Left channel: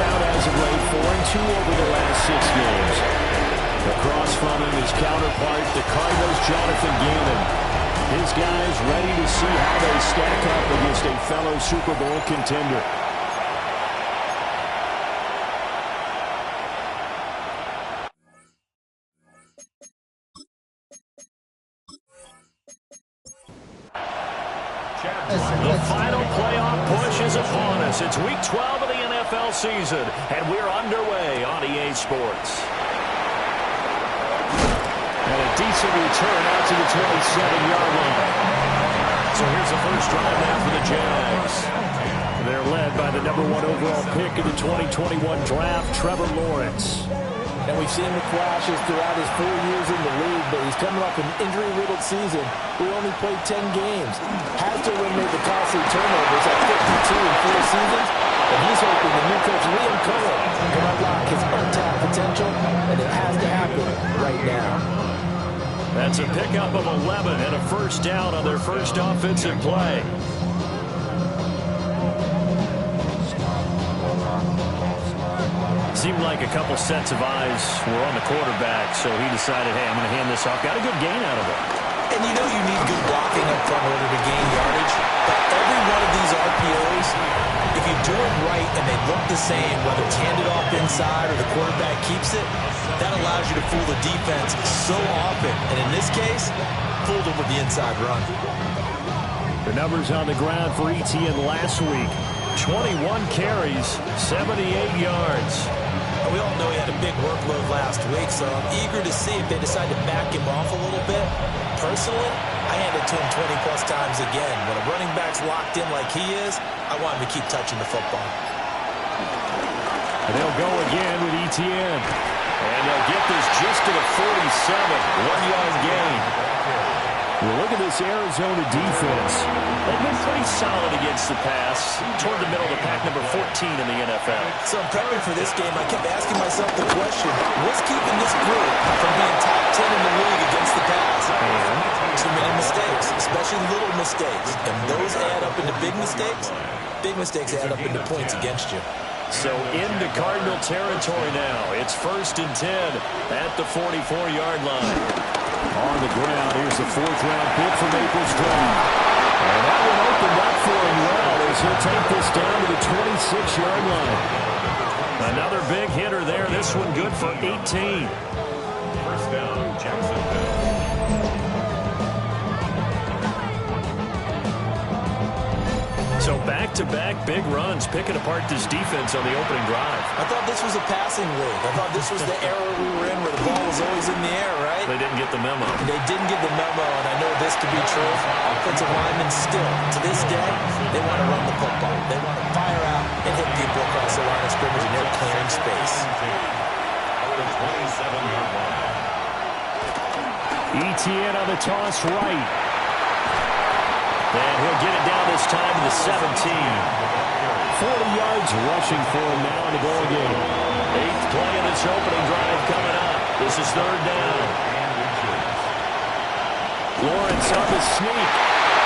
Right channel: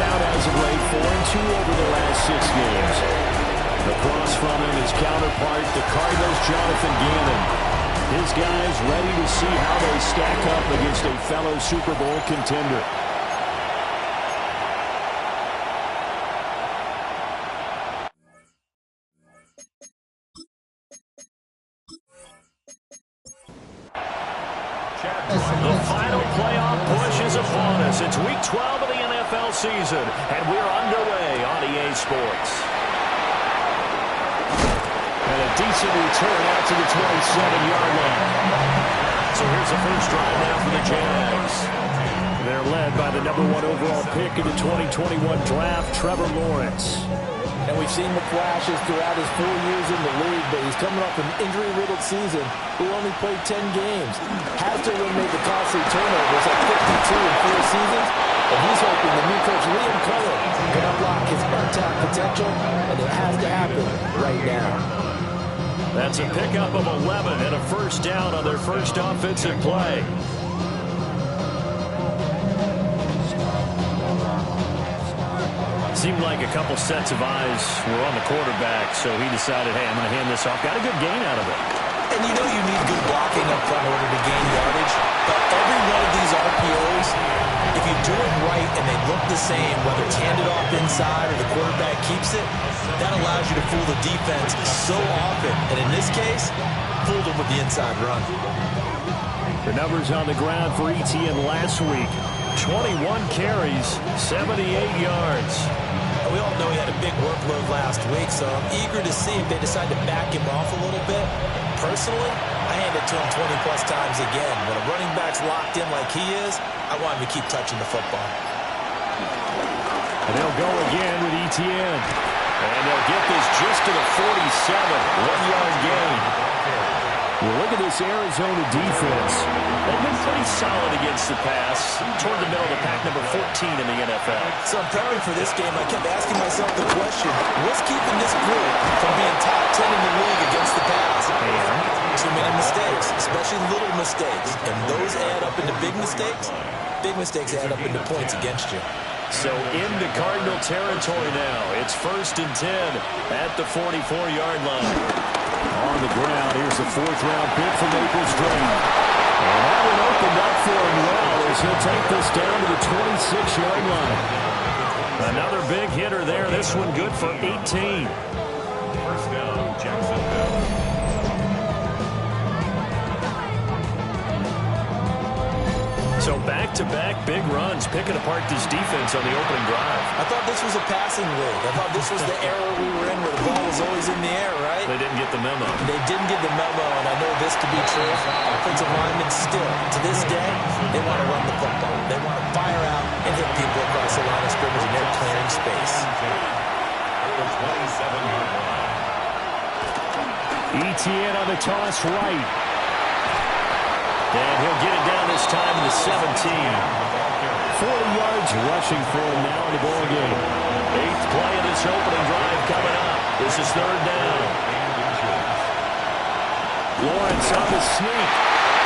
out as of late, 4-2 over the last 6 games. Across from him, his counterpart, the Cardinals' Jonathan Gannon. His guys ready to see how they stack up against a fellow Super Bowl contender. The final playoff push is upon us. It's Week 12 of the NFL season, and we're underway on EA Sports. And a decent return out to the 27-yard line. So here's the first drive now for the Jags. They're led by the #1 overall pick in the 2021 draft, Trevor Lawrence. And we've seen the flashes throughout his 4 years in the league, but he's coming off an injury-riddled season. We only played 10 games. Has to eliminate the costly turnovers at 52 in 4 seasons, and he's hoping the new coach, Liam Cohen, can unlock his untapped potential, and it has to happen right now. That's a pickup of 11 and a first down on their first offensive play. Seemed like a couple sets of eyes were on the quarterback, so he decided, hey, I'm going to hand this off. Got a good gain out of it. And you know you need good blocking up front in order to gain yardage, but every one of these RPOs, if you do it right and they look the same, whether it's handed off inside or the quarterback keeps it, that allows you to fool the defense so often. And in this case, fooled them with the inside run. The numbers on the ground for ETN last week. 21 carries, 78 yards. We all know he had a big workload last week, so I'm eager to see if they decide to back him off a little bit. Personally, I hand it to him 20-plus times again. When a running back's locked in like he is, I want him to keep touching the football. And they'll go again with ETN. And they'll get this just to the 47, 1-yard gain. Well, look at this Arizona defense. They've been pretty solid against the pass, toward the middle of the pack, number 14 in the NFL. So I'm prepping for this game. I kept asking myself the question, what's keeping this group from being top 10 in the league against the pass? And too many mistakes, especially little mistakes. And those add up into big mistakes. Big mistakes add up into points against you. So into Cardinal territory now. It's 1st and 10 at the 44-yard line. On the ground, here's the 4th-round pick from April's draft. And that one opened up for him well as he'll take this down to the 26-yard line. Another big hitter there. This one good for 18. First down, Jacksonville. So back-to-back big runs, picking apart this defense on the opening drive. I thought this was a passing league. I thought this was the era we were in where the ball was always in the air, right? They didn't get the memo. They didn't get the memo, and I know this to be true. Offensive linemen still, to this day, they want to run the football. They want to fire out and hit people across the line of scrimmage, and they're clearing space. At the 27-yard line. ETN on the toss right. And he'll get it down this time to the 17. 40 yards rushing for him now in the ball game. 8th play of this opening drive coming up. This is 3rd down. Lawrence on the sneak.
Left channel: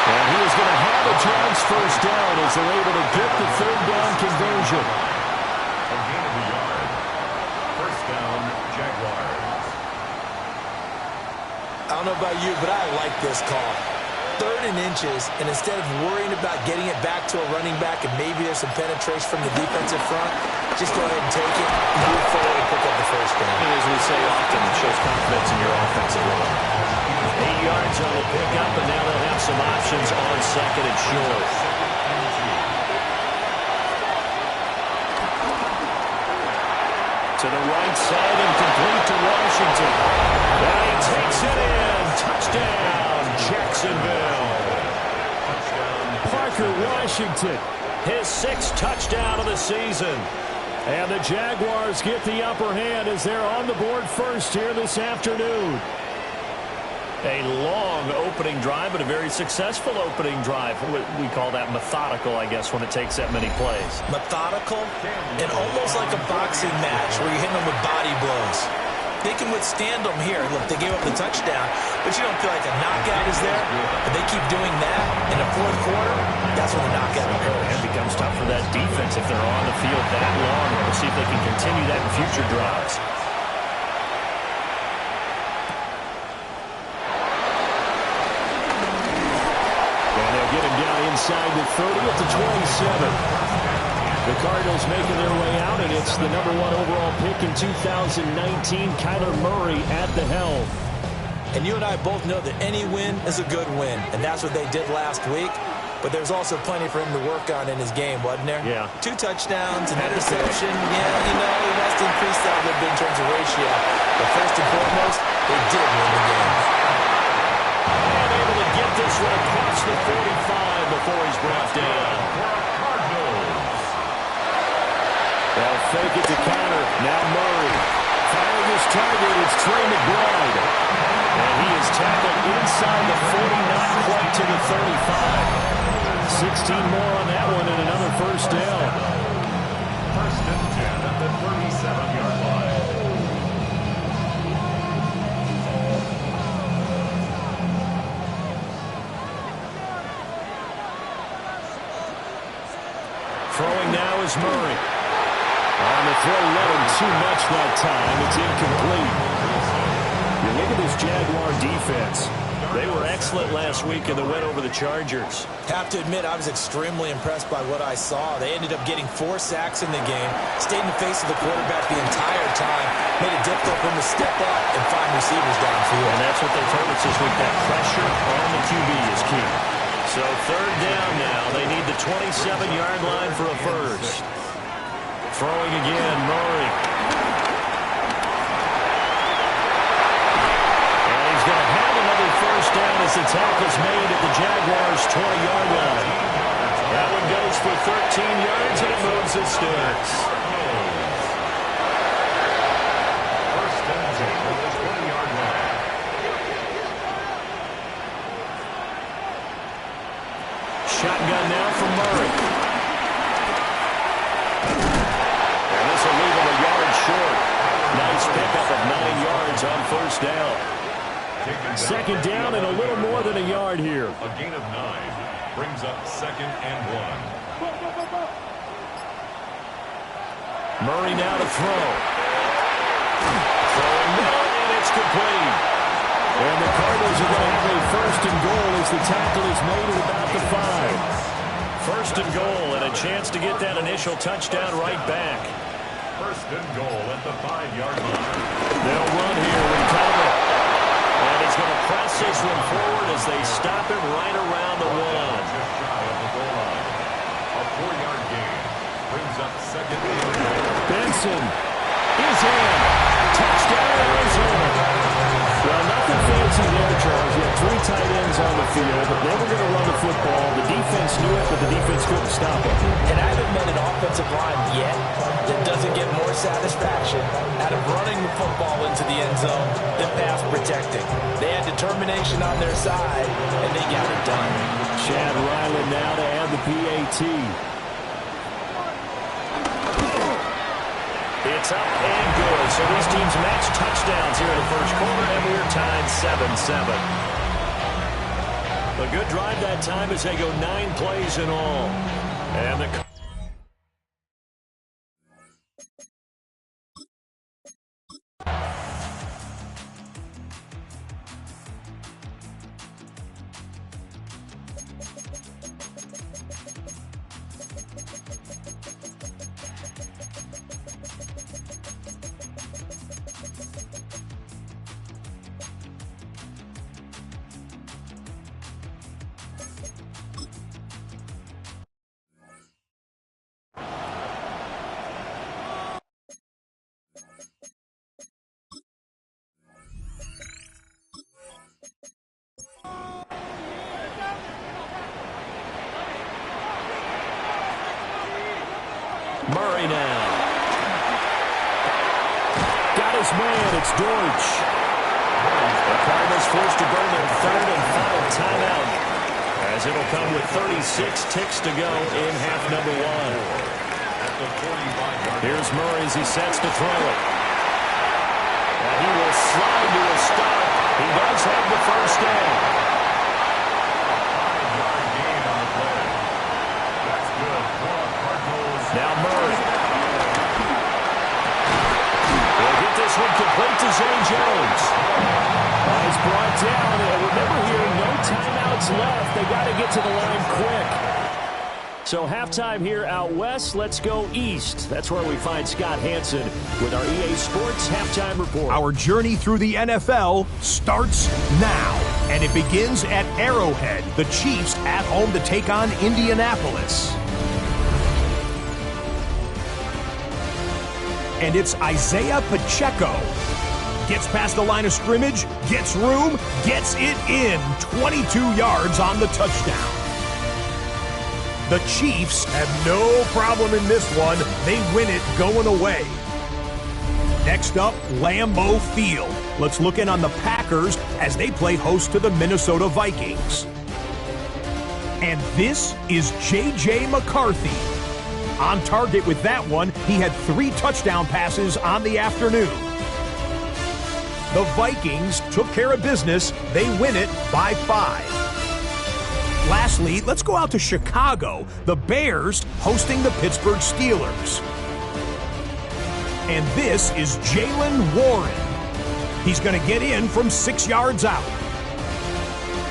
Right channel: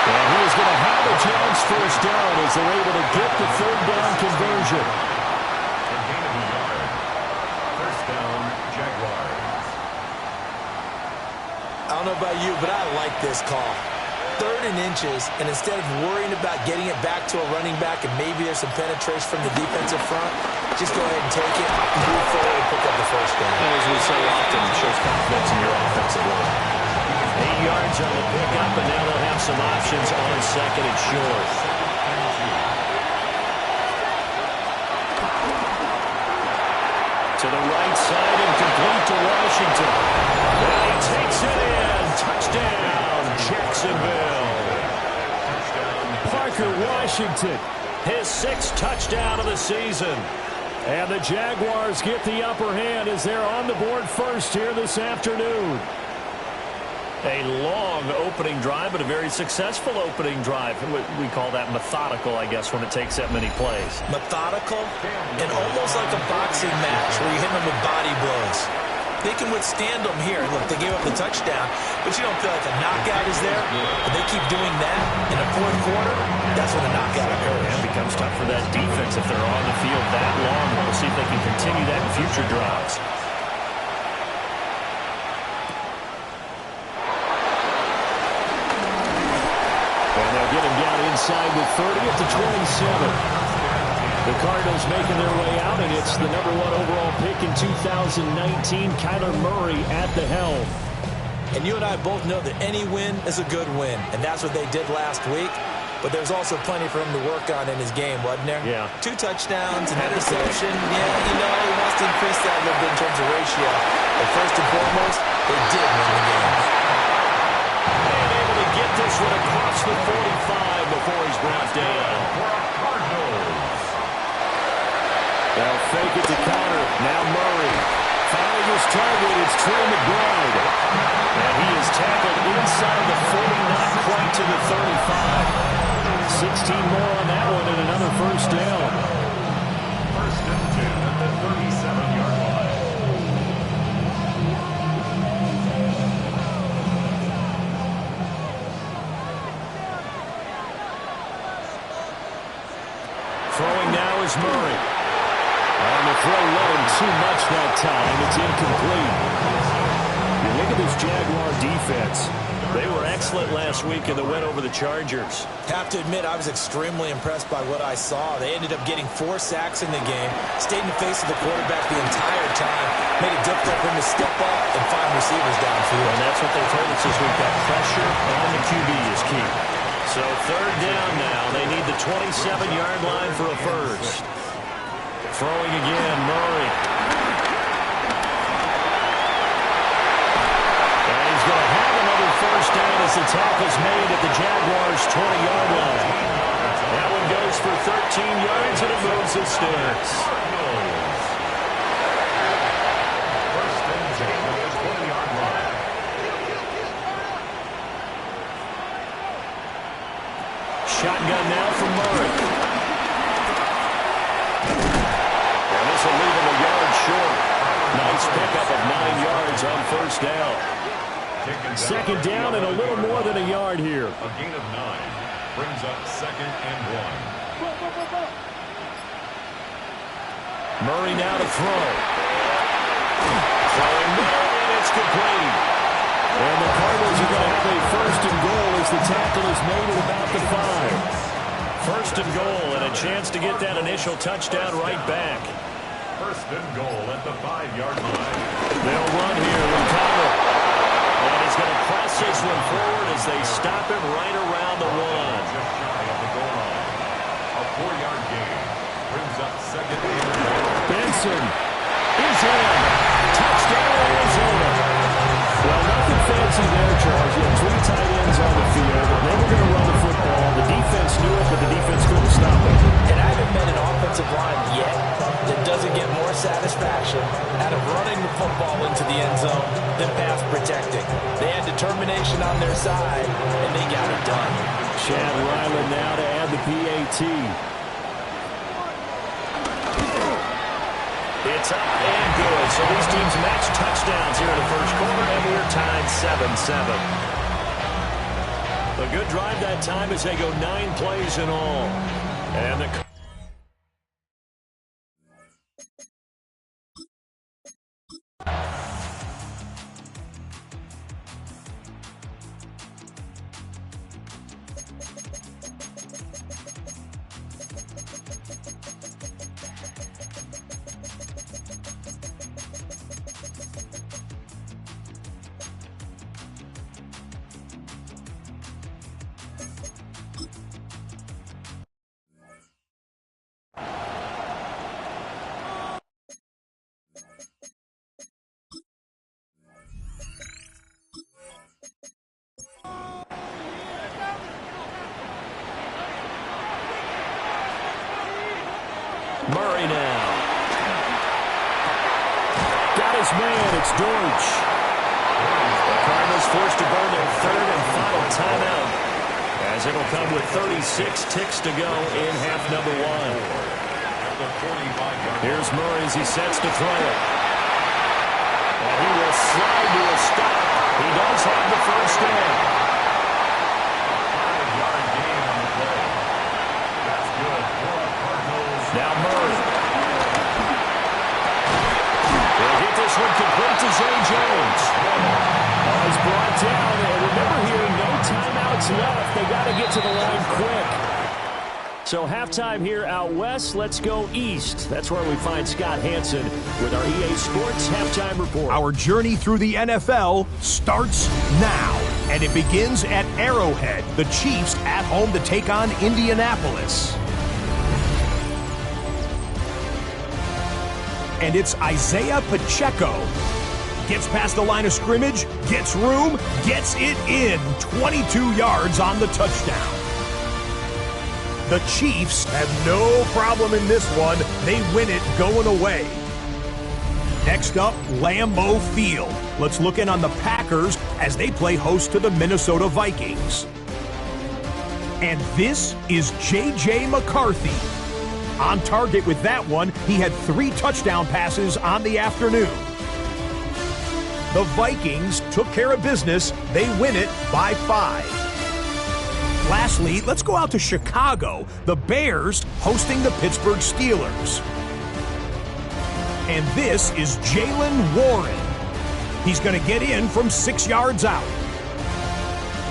And he is going to have a chance first down as they're able to get the 3rd down conversion. A gain of a yard. First down, Jaguars. I don't know about you, but I like this call. 3rd and inches, and instead of worrying about getting it back to a running back and maybe there's some penetration from the defensive front, just go ahead and take it, move forward, and pick up the first down. And as we say often, it shows confidence in your offensive line. 8 yards on the pickup, and now they'll have some options on 2nd and short. To the right side and complete to Washington. Now he takes it in. Touchdown, Jacksonville. Parker Washington, his 6th touchdown of the season. And the Jaguars get the upper hand as they're on the board first here this afternoon. A long opening drive, but a very successful opening drive. We call that methodical, I guess, when it takes that many plays. Methodical and almost like a boxing match where you're hitting them with body blows. they can withstand them here. Look, they gave up the touchdown, but you don't feel like a knockout is there. But they keep doing that in the fourth quarter, that's when the knockout occurs. It becomes tough for that defense if they're on the field that long. We'll see if they can continue that in future drives. And they'll get him down inside the 30 at the 27. The Cardinals making their way out, and it's the #1 overall pick in 2019, Kyler Murray at the helm. And you and I both know that any win is a good win, and that's what they did last week. But there's also plenty for him to work on in his game, wasn't there? Yeah. 2 touchdowns, an interception. Yeah, he wants to increase that a little bit in terms of ratio. But first and foremost, they did win the game. And able to get this one across the 45 before he's brought down. They'll fake it to counter. Now Murray. Finding his target, it's Trey McBride. And he is tackled inside the 40, not quite to the 35. 16 more on that one and another first down. First and 10 at the 37-yard line. Throwing now is Murray. On the throw, led him too much that time. It's incomplete. You look at this Jaguar defense. They were excellent last week in the win over the Chargers. Have to admit, I was extremely impressed by what I saw. They ended up getting 4 sacks in the game, stayed in the face of the quarterback the entire time, made it difficult for him to step up and find receivers downfield. And that's what they told us this week, that pressure on the QB is key. So third down now. They need the 27-yard line for a first. Throwing again, Murray. And he's going to have another first down as the tackle's made at the Jaguars' 20-yard line. That one goes for 13 yards, and it moves the sticks. First and 10 at the 20-yard line. Shotgun now from Murray. And this will leave him a yard short. Nice pickup of 9 yards on first down. Second down and a little more than a yard here. A gain of 9 brings up second and 1. Murray now to throw. Throwing middle, and it's complete. And the Cardinals are going to have a first and goal as the tackle is made at about the 5. First and goal, and a chance to get that initial touchdown right back. First and goal at the 5-yard line. They'll run here with Kyler. And he's going to press this one forward as they stop him right around the 1. Just shy of the goal line. A 4-yard gain brings up second and 1. Benson is in. Touchdown, Arizona. Well, nothing fancy there, Charles. You had 3 tight ends on the field. They were going to run the football. The defense knew it, but the defense couldn't stop it. And I haven't met an offensive line yet that doesn't get more satisfaction out of running the football into the end zone than pass protecting. They had determination on their side, and they got it done. Chad Ryland now to add the PAT. It's up and good. So these teams match touchdowns here in the first quarter, and we're tied 7-7. A good drive that time as they go 9 plays in all. And the Murray now. Got his man. It's Dortch. The Cardinals forced to burn their third and final timeout as it'll come with 36 ticks to go in half number 1. At the 45-yard line. Here's Murray as he sets to throw it. And he will slide to a stop. He does have the first down. A 5-yard gain on the play. That's good for the Cardinals. Now Murray. They'll get this one complete to Zay Jones. Oh, he's brought down. And remember here, no timeouts left. They got to get to the line quick. So halftime here out west. Let's go east. That's where we find Scott Hanson with our EA Sports Halftime Report. Our journey through the NFL starts now. And it begins at Arrowhead. The Chiefs at home to take on Indianapolis. And it's Isaiah Pacheco. Gets past the line of scrimmage, gets room, gets it in. 22 yards on the touchdown. The Chiefs have no problem in this one. They win it going away. Next up, Lambeau Field. Let's look in on the Packers as they play host to the Minnesota Vikings. And this is J.J. McCarthy. On target with that one, he had 3 touchdown passes on the afternoon. The Vikings took care of business. They win it by 5. Lastly, let's go out to Chicago. The Bears hosting the Pittsburgh Steelers. And this is Jaylen Warren. He's going to get in from 6 yards out.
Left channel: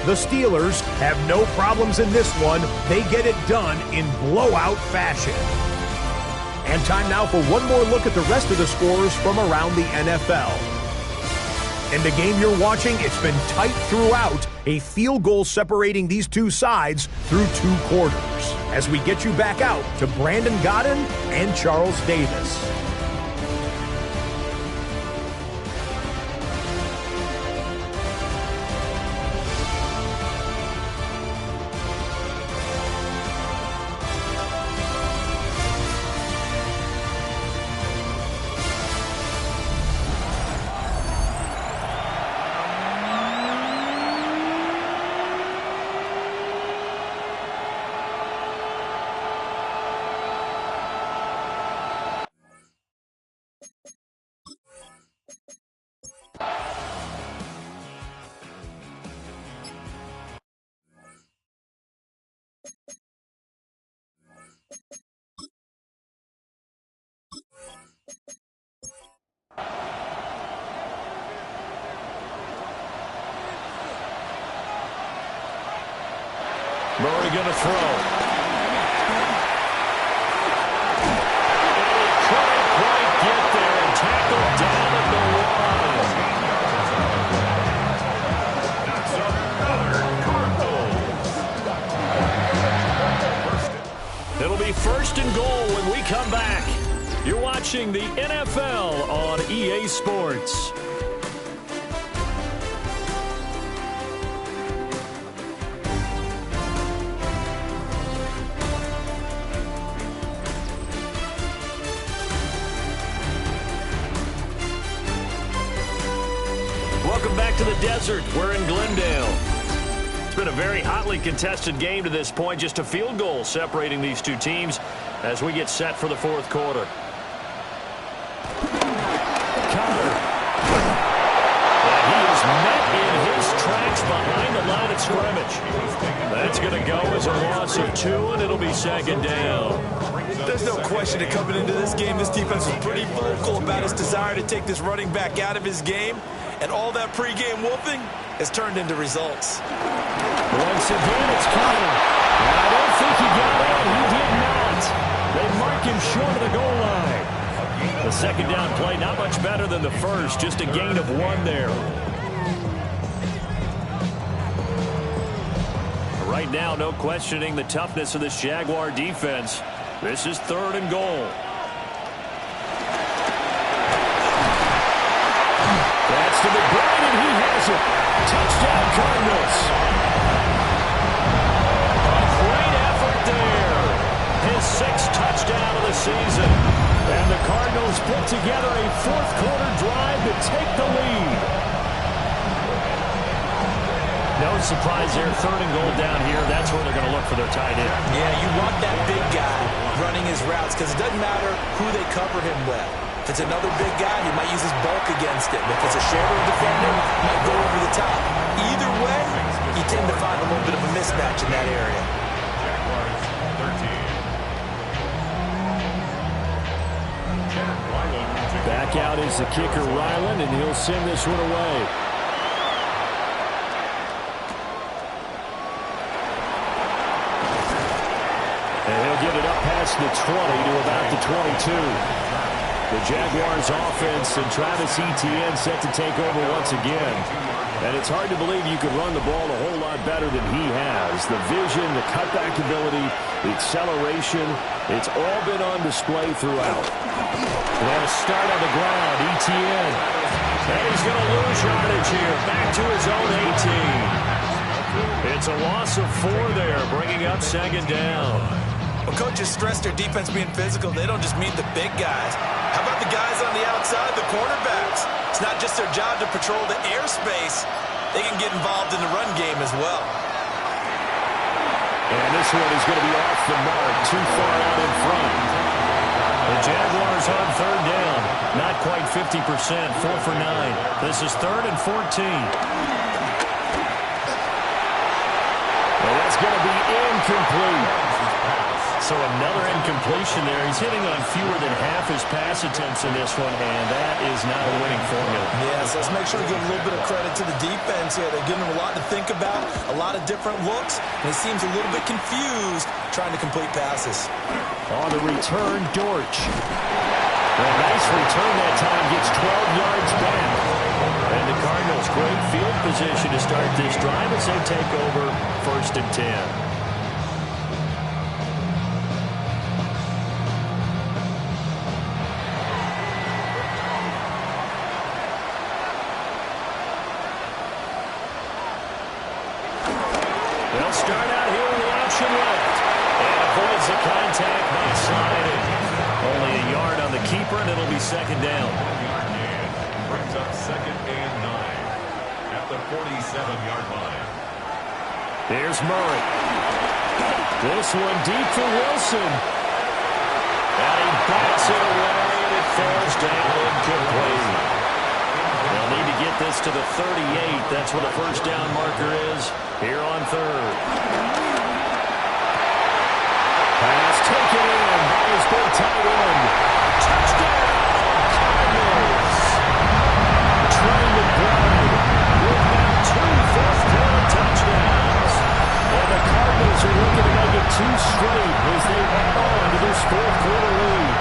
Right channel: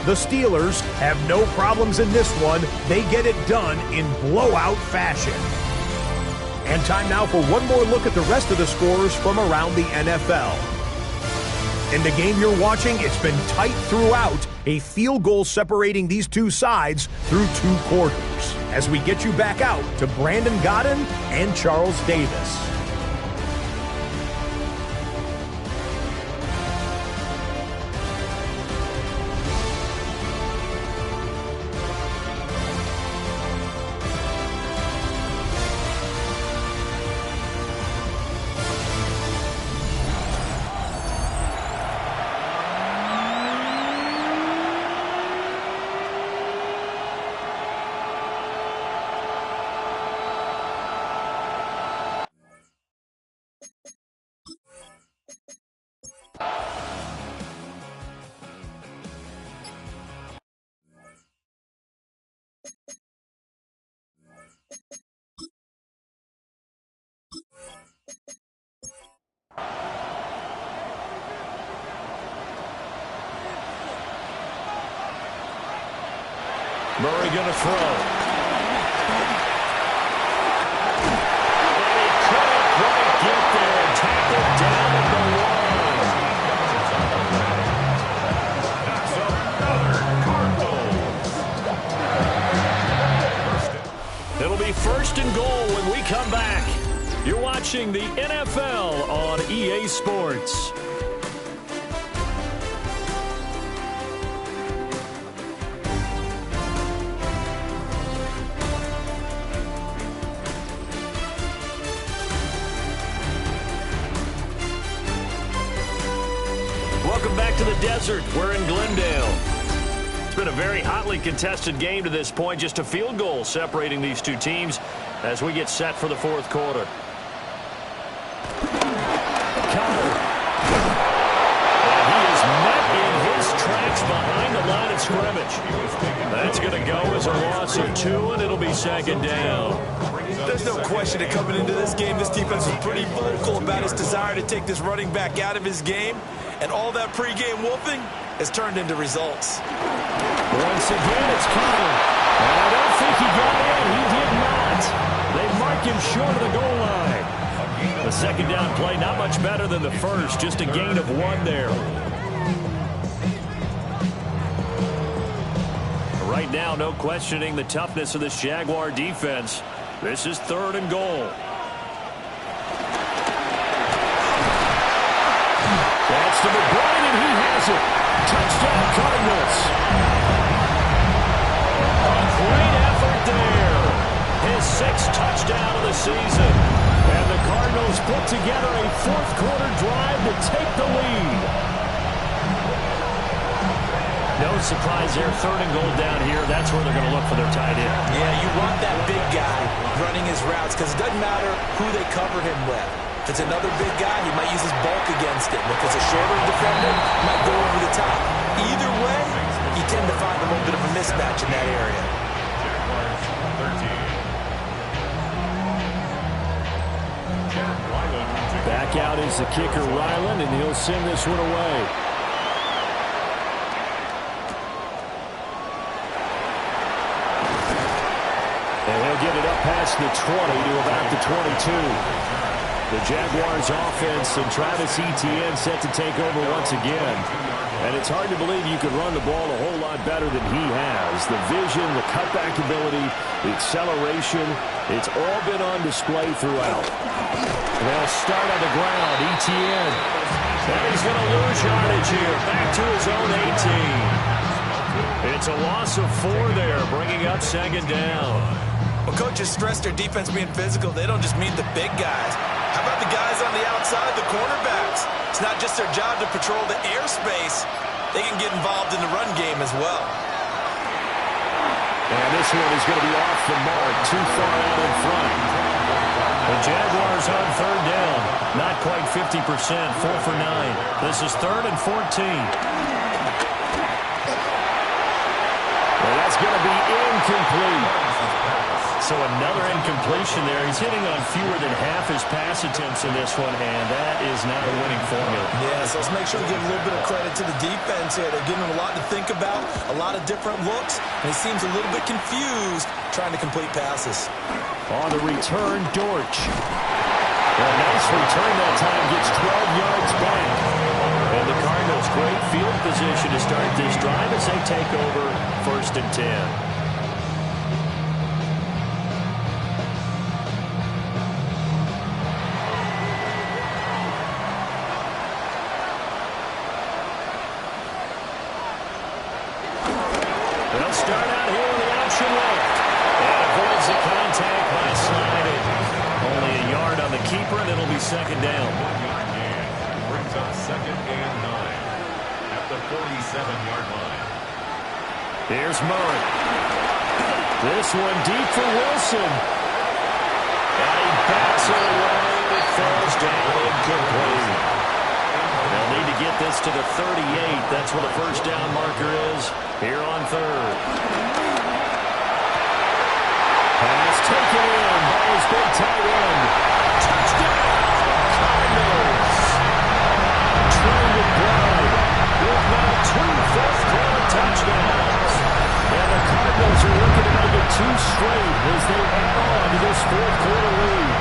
The Steelers have no problems in this one. They get it done in blowout fashion. And time now for one more look at the rest of the scores from around the NFL. In the game you're watching, it's been tight throughout. A field goal separating these two sides through 2 quarters. As we get you back out to Brandon Godden and Charles Davis. Murray going to throw. And he couldn't quite get there. Tackled down at the line. That's another Cardinals. It'll be 1st and goal when we come back. You're watching the NFL on EA Sports. Welcome back to the desert. We're in Glendale. It's been a very hotly contested game to this point. Just a field goal separating these two teams as we get set for the 4th quarter. Connor. And he is met in his tracks behind the line of scrimmage. That's going to go as a loss of 2, and it'll be 2nd down. There's no question that coming into this game, this defense was pretty vocal about its desire to take this running back out of his game. And all that pregame wolfing has turned into results. Once again, it's Connor. And I don't think he got in. He did not. They mark him short of the goal line. The 2nd down play, not much better than the first. Just a gain of 1 there. Right now, no questioning the toughness of this Jaguar defense. This is 3rd and goal. That's to McBride, and he has it. Touchdown, Cardinals. A great effort there. His 6th touchdown of the season. And the Cardinals put together a 4th quarter drive to take the lead. No surprise there. 3rd and goal down here. That's where they're going to look for their tight end. Yeah, you want that big guy running his routes because it doesn't matter who they cover him with. If it's another big guy, he might use his bulk against him. If it's a shorter defender, he might go over the top. Either way, you tend to find a little bit of a mismatch in that area. Jaguars 13. Back out is the kicker, Ryland, and he'll send this one away. And he'll get it up past the 20 to about the 22. The Jaguars offense and Travis Etienne set to take over once again. And it's hard to believe you could run the ball a whole lot better than he has. The vision, the cutback ability, the acceleration, it's all been on display throughout. They'll start on the ground. Etienne. And he's going to lose yardage here. Back to his own 18. It's a loss of 4 there, bringing up second down. Well, coaches stress their defense being physical. They don't just mean the big guys. How about the guys on the outside, the cornerbacks? It's not just their job to patrol the airspace. They can get involved in the run game as well. And this one is going to be off the mark, too far out in front. The Jaguars on third down. Not quite 50%, 4 for 9. This is 3rd and 14. And that's going to be incomplete. So another incompletion there. He's hitting on fewer than half his pass attempts in this one, and that is not a winning formula. Yeah, so let's make sure to give a little bit of credit to the defense here. They're giving him a lot to think about, a lot of different looks, and he seems a little bit confused trying to complete passes. On the return, Dortch. A nice return that time, gets 12 yards back. And the Cardinals, great field position to start this drive as they take over 1st and 10. They'll start out here with the option left. And avoids the contact by sliding. Only a yard on the keeper, and it'll be second down. 1-yard gain. Brings up 2nd and 9 at the 47-yard line. Here's Murray. This one deep for Wilson. And he bats it away, and it falls down incomplete. They'll need to get this to the 38. That's where the first down marker is here on 3rd. Pass taken in by his big tight end. Touchdown, Cardinals. Trey McBride with now 2 fourth-quarter touchdowns. And the Cardinals are looking to make it 2 straight as they add on to this fourth-quarter lead.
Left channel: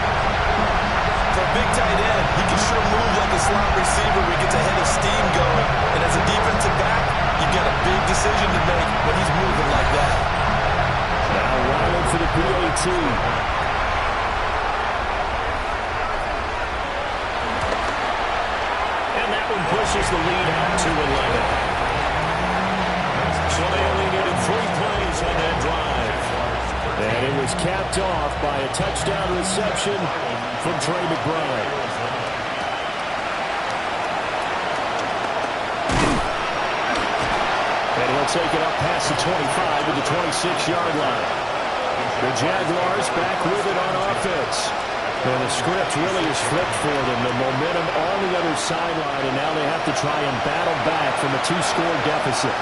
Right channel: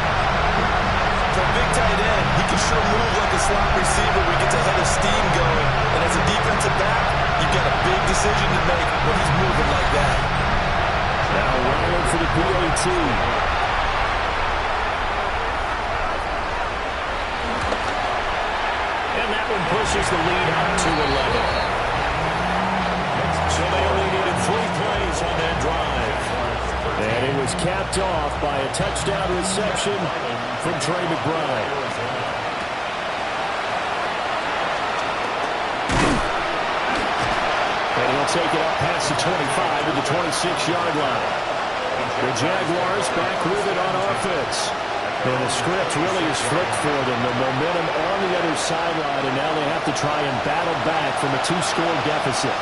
For a big tight end, he can sure move like a slot receiver when he gets a head of steam going. And as a defensive back, you've got a big decision to make when he's moving like that. Now Ryland for the PAT. And that one pushes the lead out to 11. So they only needed 3 plays on that drive. And it was capped off by a touchdown reception from Trey McBride. And he'll take it up past the 25 to the 26-yard line. The Jaguars back with it on offense. And the script really is flipped for them. The momentum on the other sideline, and now they have to try and battle back from a 2-score deficit.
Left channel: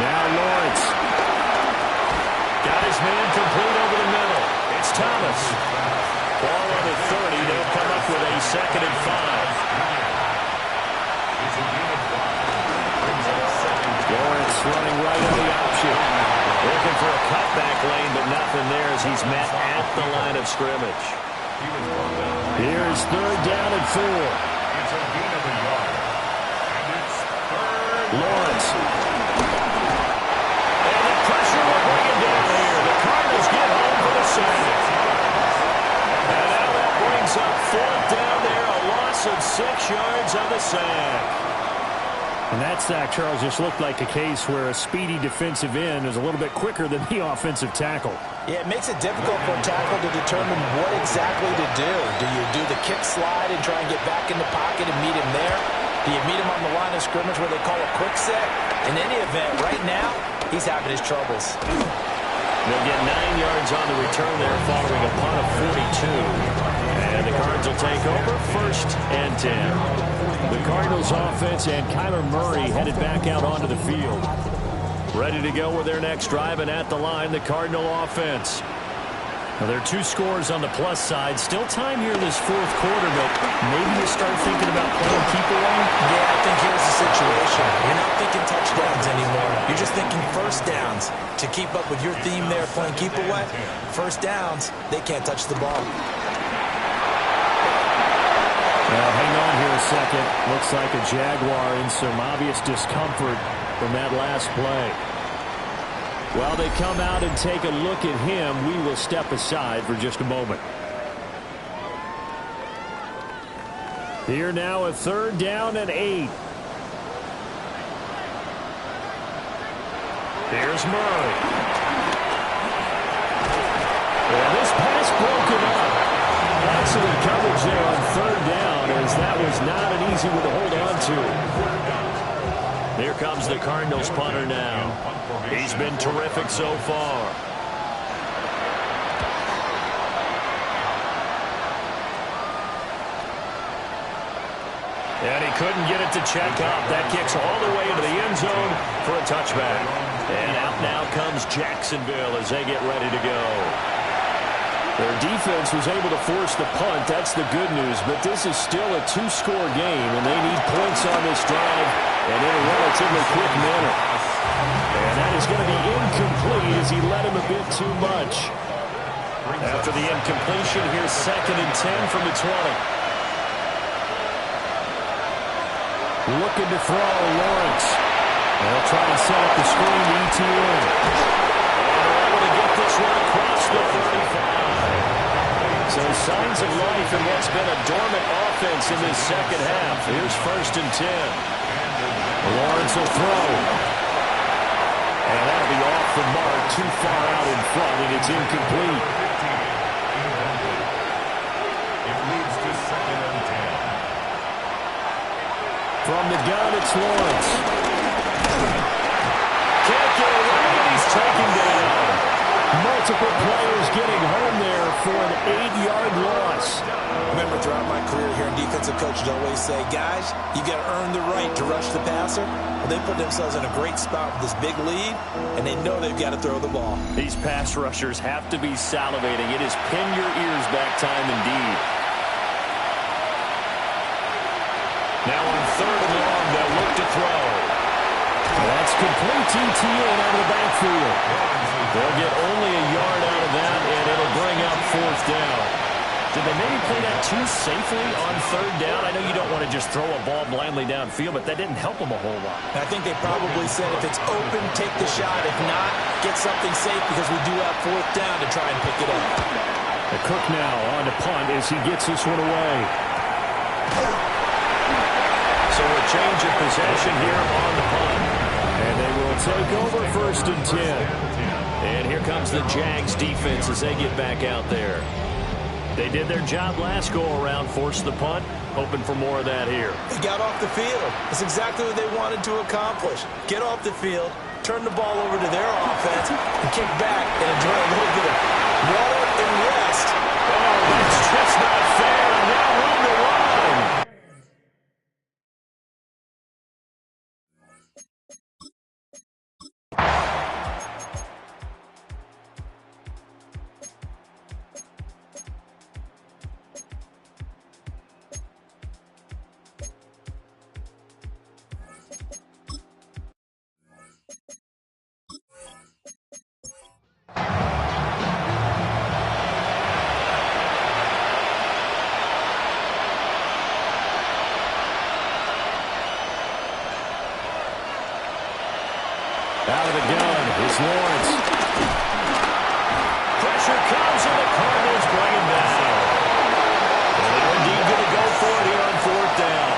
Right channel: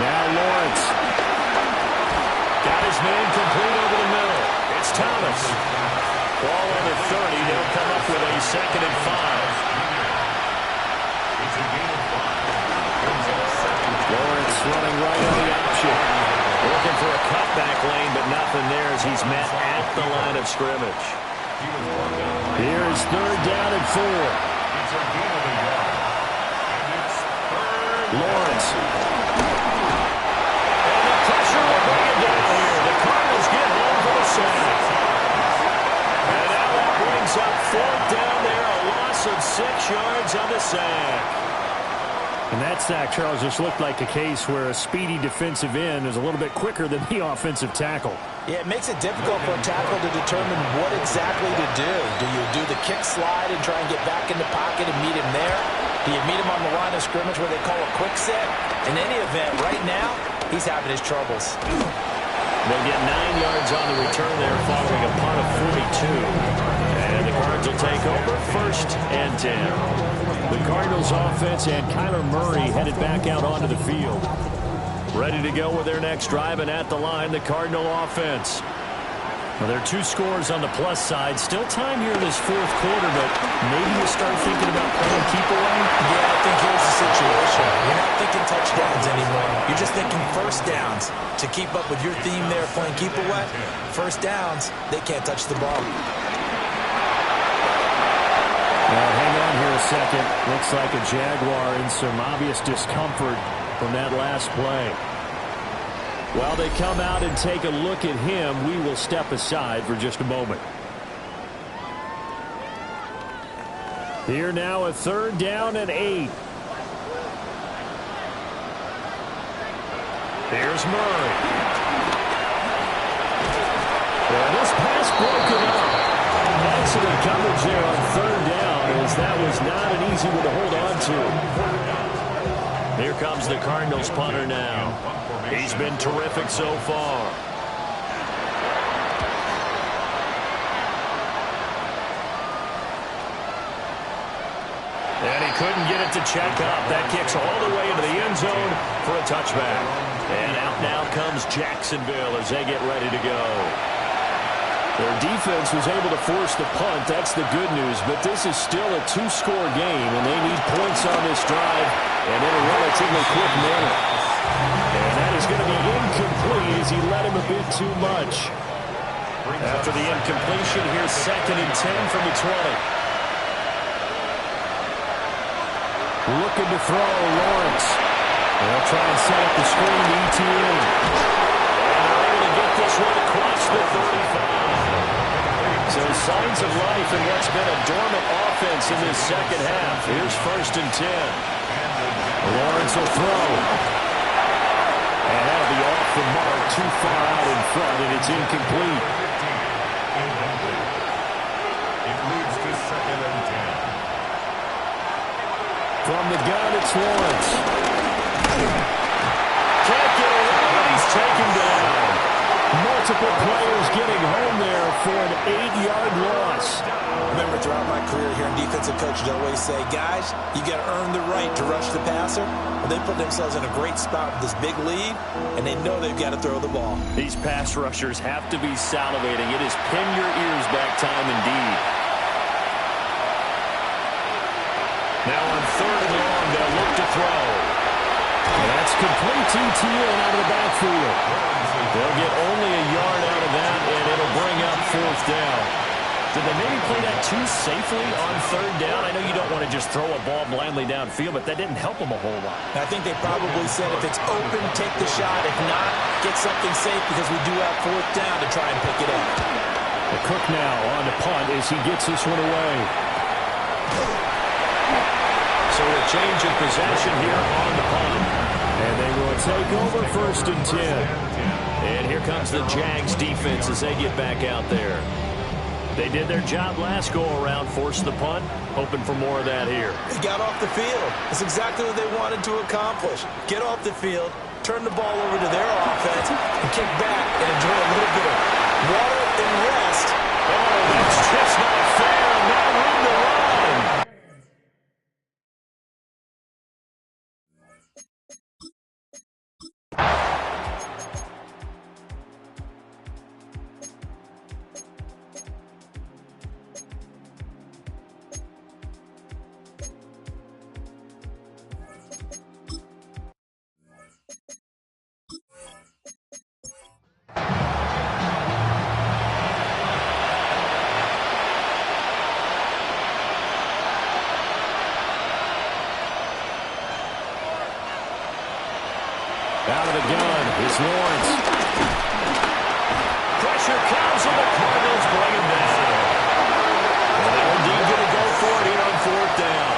Now Lawrence. Got his man complete over the middle. It's Thomas. Ball on the 30. They'll come up with a 2nd and 5. It's a gain of 5. Brings up 2nd. Lawrence running right on the option. Looking for a cutback lane, but nothing there as he's met at the line of scrimmage. He was brought down. Here's 3rd down and 4. It's a gain of a yard. And it's 3rd. Lawrence. And the pressure will bring it down here. The Cardinals get home for the sack. And now that brings up 4th down there. A loss of 6 yards on the sack. And that sack, Charles, just looked like a case where a speedy defensive end is a little bit quicker than the offensive tackle. Yeah, it makes it difficult for a tackle to determine what exactly to do. Do you do the kick slide and try and get back in the pocket and meet him there? Do you meet him on the line of scrimmage where they call a quick set? In any event, right now, he's having his troubles. They'll get 9 yards on the return there following a punt of 42. And the Cards will take over 1st and 10. The Cardinals offense and Kyler Murray headed back out onto the field. Ready to go with their next drive, and at the line, the Cardinal offense. Now, there are 2 scores on the plus side. Still time here in this 4th quarter, but maybe you start thinking about playing keep away? Yeah, I think here's the situation. You're not thinking touchdowns anymore. You're just thinking first downs. To keep up with your theme there, playing keep away, first downs, they can't touch the ball. Now, hang on here a second. Looks like a Jaguar in some obvious discomfort from that last play. While they come out and take a look at him, we will step aside for just a moment. Here now, a 3rd down and 8. Here's Murray. And this pass broken up. Excellent coverage there on 3rd down, as that was not an easy one to hold on to. Here comes the Cardinals punter now. He's been terrific so far. And he couldn't get it to check up. That kicks all the way into the end zone for a touchback. And out now comes Jacksonville as they get ready to go. Their defense was able to force the punt. That's the good news. But this is still a 2-score game, and they need points on this drive and in a relatively quick manner. And that is going to be incomplete as he led him a bit too much. After the incompletion, here's 2nd and 10 from the 20. Looking to throw, Lawrence. They'll try and set up the screen to ETN. And they're able to get this one across the 35. So signs of life in what's been a dormant offense in this second half. Here's 1st and 10. Lawrence will throw. And that'll be off the mark, too far out in front, and it's incomplete. It leads to 2nd and 10. From the gun, it's Lawrence. Can't get away, and he's taken down. Multiple players getting home there for an 8-yard loss. Remember, throughout my career here in defensive coaches always say, guys, you got to earn the right to rush the passer. Well, they put themselves in a great spot with this big lead, and they know they've got to throw the ball. These pass rushers have to be salivating. It is pin your ears back time indeed. Now on 3rd and long, they'll look to throw. That's complete ETN out of the backfield. They'll get only a yard out of that, and it'll bring up 4th down. Did they maybe play that too safely on 3rd down? I know you don't want to just throw a ball blindly downfield, but that didn't help them a whole lot. I think they probably said if it's open, take the shot. If not, get something safe because we do have 4th down to try and pick it up. The Cook now on to punt as he gets this one away. So a change of possession here on the punt. And they will take over 1st and 10. And here comes the Jags defense as they get back out there. They did their job last go-around, forced the punt, hoping for more of that here. They got off the field. That's exactly what they wanted to accomplish. Get off the field, turn the ball over to their offense, and kick back and enjoy a little bit of water and rest. Oh, that's just not fair, and now room to run. Out of the gun is Lawrence. Pressure comes, and the Cardinals bring him down. And they're indeed going to go for it here on 4th down.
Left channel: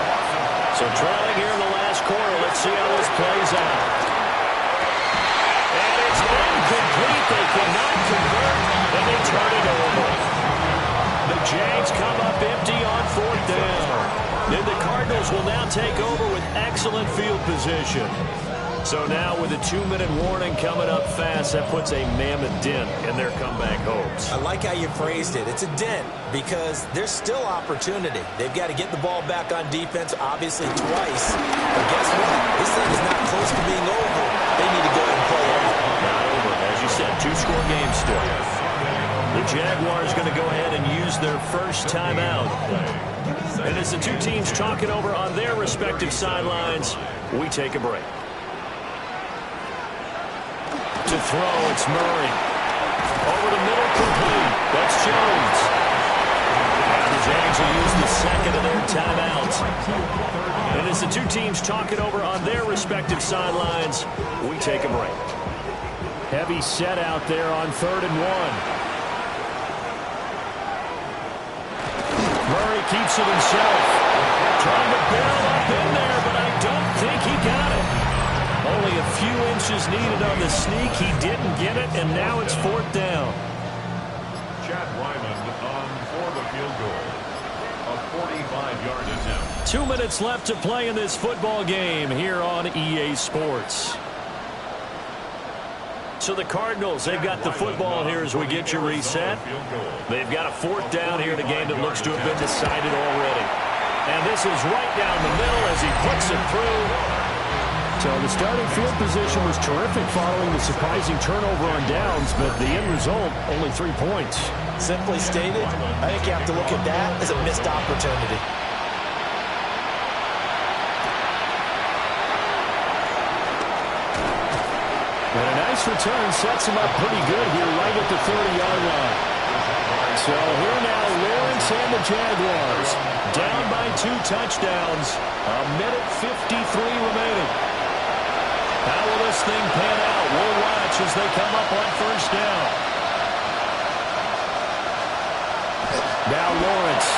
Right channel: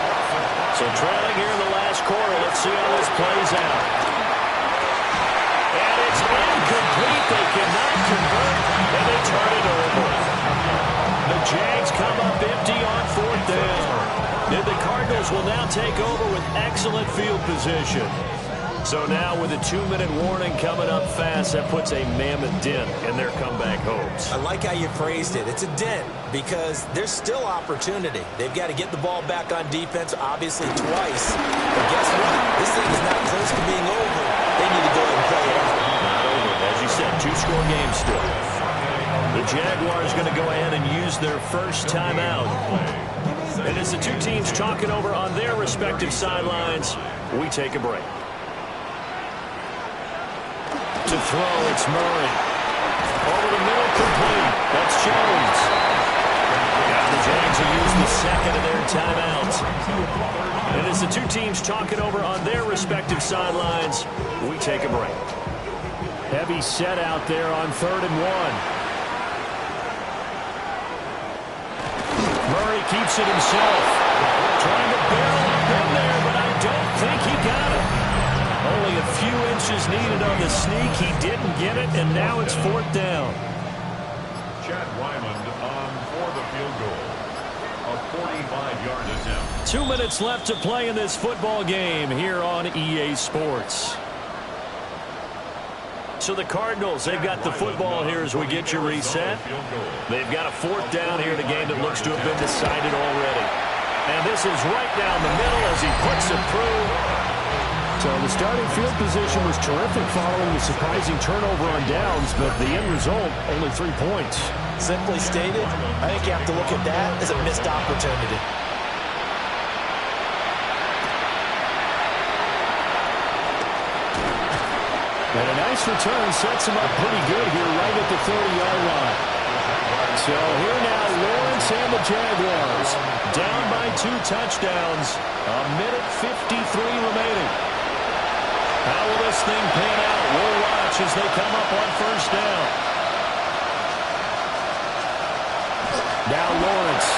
So trailing here in the last quarter, let's see how this plays out. And it's incomplete. They cannot convert, and they turn it over. The Jags come up empty on 4th down. And the Cardinals will now take over with excellent field position. So now with a 2-minute warning coming up fast, that puts a mammoth dent in their comeback hopes. I like how you phrased it. It's a dent because there's still opportunity. They've got to get the ball back on defense, obviously twice. But guess what? This thing is not close to being over. They need to go ahead and play it out. Not over. As you said, 2-score game still. The Jaguars going to go ahead and use their first timeout. And as the two teams talking over on their respective sidelines, we take a break. To throw, it's Murray. Over the middle, complete. That's Jones. Now the Jags will use the second of their timeouts. And as the two teams talking over on their respective sidelines, we take a break. Heavy set out there on 3rd and 1. Murray keeps it himself. Trying to barrel up in there, but I don't think he got it. Only a few inches needed on the sneak. He didn't get it, and now it's 4th down. Chad Ryland on for the field goal. A 45-yard attempt. 2 minutes left to play in this football game here on EA Sports. So the Cardinals, they've got the football here as we get you reset. They've got a 4th down here in a game that looks to have been decided already. And this is right down the middle as he puts it through. So the starting field position was terrific following the surprising turnover on downs, but the end result, only 3 points. Simply stated, I think you have to look at that as a missed opportunity. And a nice return sets him up pretty good here right at the 30-yard line. So here now, Lawrence and the Jaguars down by 2 touchdowns. 1:53 remaining. How will this thing pan out? We'll watch as they come up on 1st down. Now Lawrence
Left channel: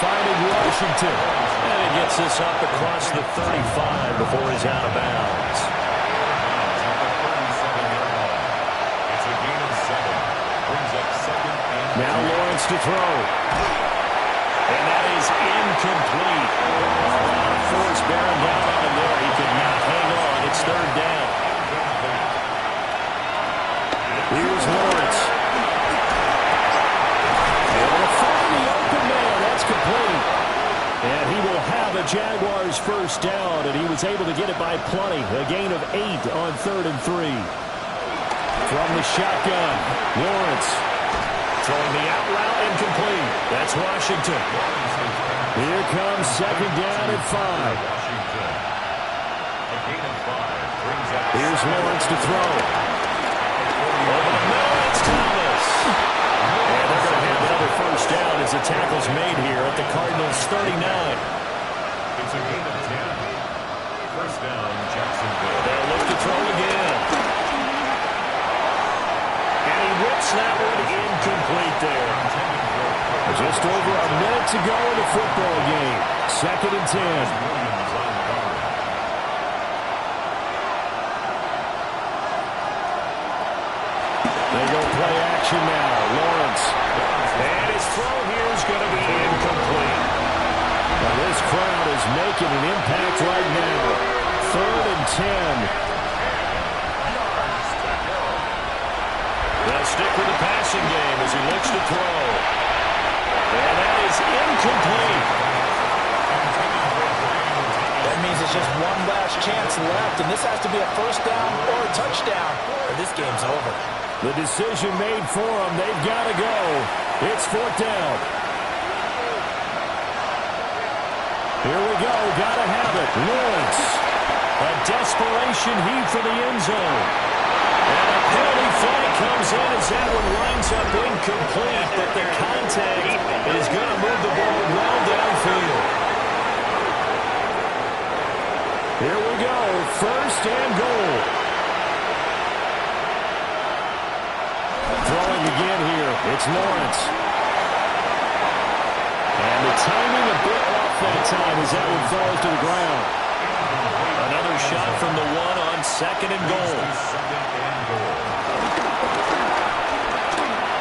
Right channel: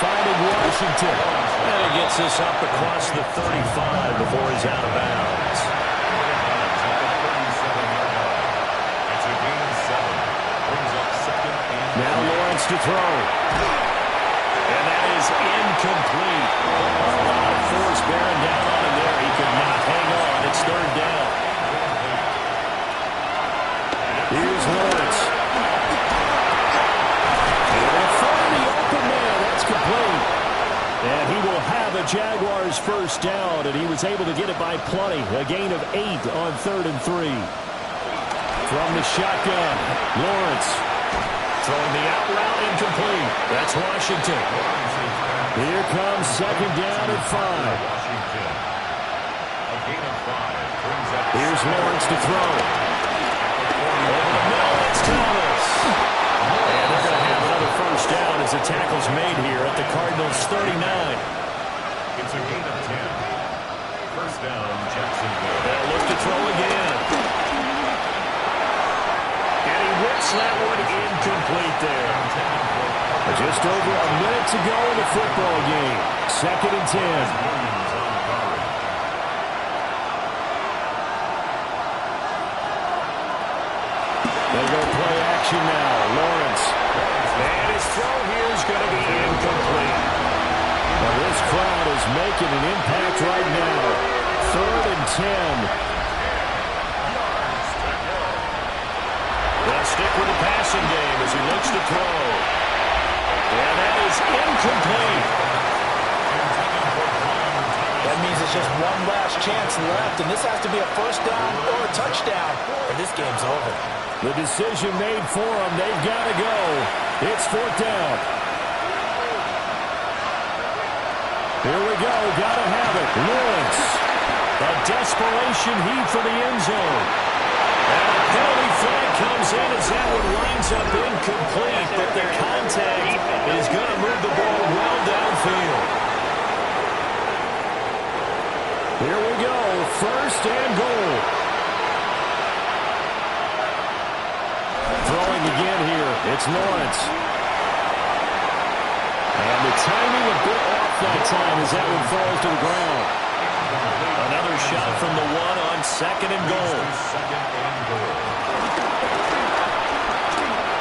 finding Washington. And he gets this up across the 35 before he's out of bounds. Now Lawrence to throw. And that is incomplete. A lot of force bearing down on him there. He could not hang on. It's 3rd down. Here's Lawrence. And they'll find the open man. That's complete. And he will have a Jaguars 1st down, and he was able to get it by plenty. A gain of 8 on 3rd and 3. From the shotgun, Lawrence. Throwing the out route, incomplete. That's Washington. Here comes 2nd down at 5. Here's Lawrence to throw. Over the middle, it's Thomas. And they're going to have another 1st down as the tackle's made here at the Cardinals' 39. It's a gain of 10. 1st down, Jacksonville. They'll look to throw again. And he whips that one incomplete there. Just over a minute to go in the football game. 2nd and 10. They go play action now. Lawrence. And his throw here is going to be incomplete. Well, this crowd is making an impact right now. 3rd and 10. They'll stick with the passing game as he looks to throw. And that is incomplete. That means it's just one last chance left, and this has to be a 1st down or a touchdown, or this game's over. The decision made for them. They've got to go. It's 4th down. Here we go. Got to have it. Lawrence. A desperation heave for the end zone. And a penalty flag comes in as that one winds up incomplete, but the contact is going to move the ball well downfield. Here we go, 1st and goal. Throwing again here, it's Lawrence. And the timing a bit off that time as that one falls to the ground. Another shot from the 1 on 2nd and goal.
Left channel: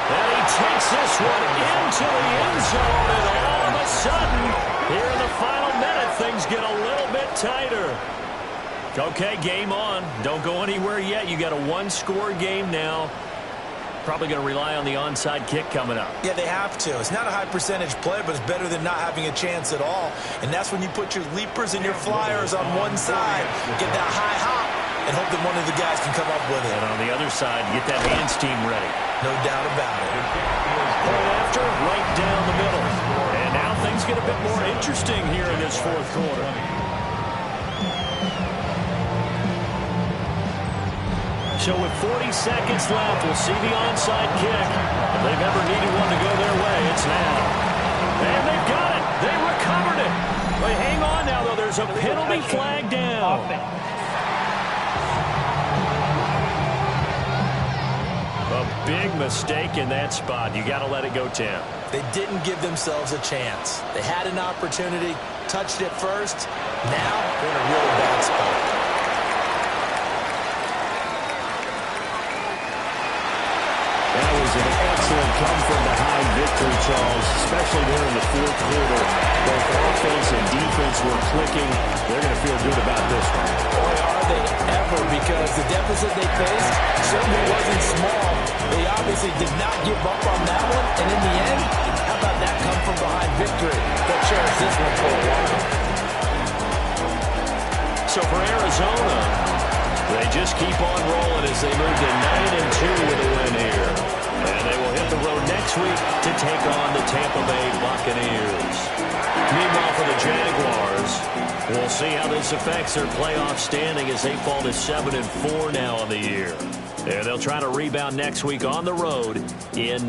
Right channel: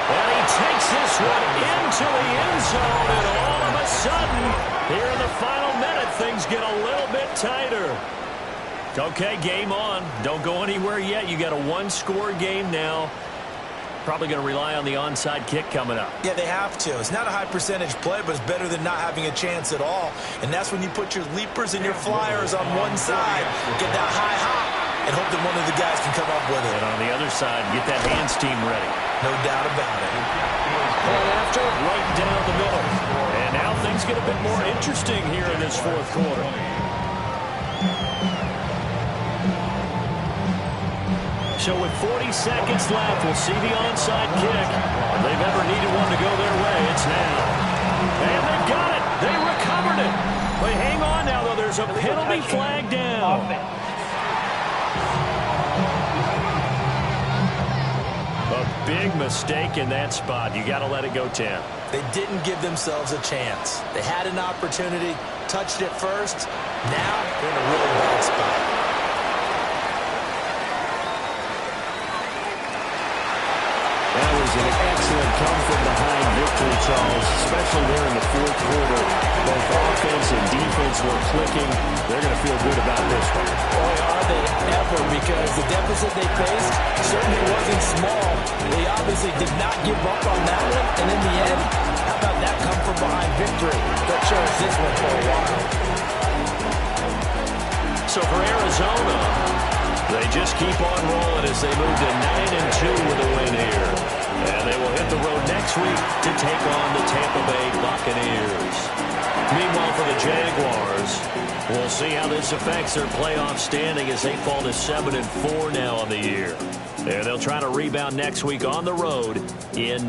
And he takes this one into the end zone, and all of a sudden, here in the final minute, things get a little bit tighter. Okay, game on. Don't go anywhere yet. You got a one-score game now. Probably going to rely on the onside kick coming up. Yeah, they have to. It's not a high percentage play, but it's better than not having a chance at all. And that's when you put your leapers and your flyers on one side, get that high hop, and hope that one of the guys can come up with it. And on the other side, get that hands team ready. No doubt about it. Point after, right down the middle. And now things get a bit more interesting here in this fourth quarter. So with 40 seconds left, we'll see the onside kick. If they've ever needed one to go their way, it's now. And they've got it. They recovered it. But hang on now, though. There's a penalty flag down. A big mistake in that spot. You got to let it go, Tim. They didn't give themselves a chance. They had an opportunity, touched it first. Now they're in a really bad spot. That was an excellent come-from-behind victory, Charles, especially there in the fourth quarter. Both offense and defense were clicking. They're going to feel good about this one. Boy, are they ever, because the deficit they faced certainly wasn't small. They obviously did not give up on that one, and in the end, how about that come-from-behind victory? They'll cherish this one for a while. So for Arizona, they just keep on rolling as they move to 9-2 with a win here. And they will hit the road next week to take on the Tampa Bay Buccaneers. Meanwhile, for the Jaguars, we'll see how this affects their playoff standing as they fall to 7-4 now on the year. And they'll try to rebound next week on the road in